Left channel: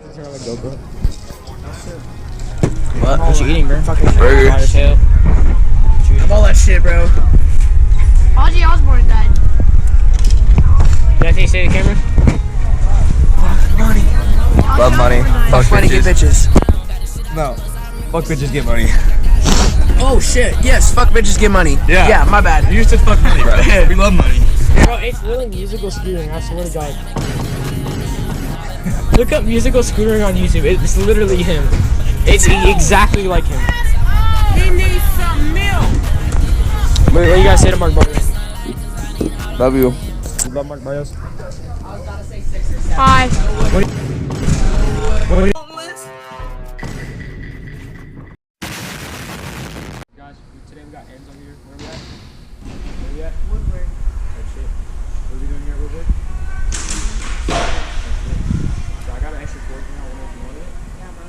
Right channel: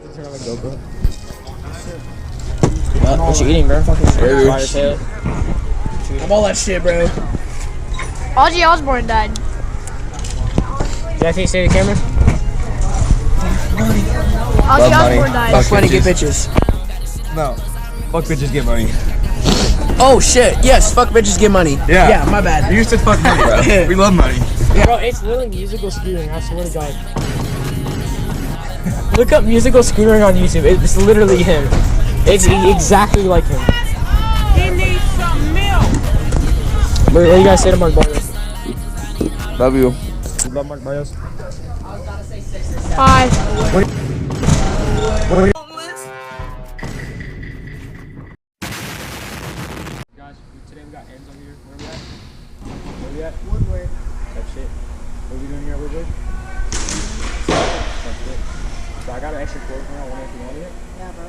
GoPro. What you eating, bro? Fucking Burgers. as hell. I'm all that shit, bro. Ozzy Osbourne died. Did I say to the camera? Money. Ozzy Love money. Osbourne died. Fuck money, get bitches. No. Fuck bitches, get money. Oh shit. Yes. Fuck bitches, get money. Yeah. Yeah. My bad. You said fuck money, bro. We love money. Bro, it's literally musical scootering, I swear to God. Look up musical scootering on YouTube. It's literally him. It's exactly like him. He needs some milk. What do you guys say to Mark Barrios? Love you. You love Mark Barrios? Hi. Guys, today we got ends over here. Where we at? Woodward. That shit. What are we doing here at Woodward? That's it. So I got an extra cord now. I wonder if you wanted it. Yeah, bro.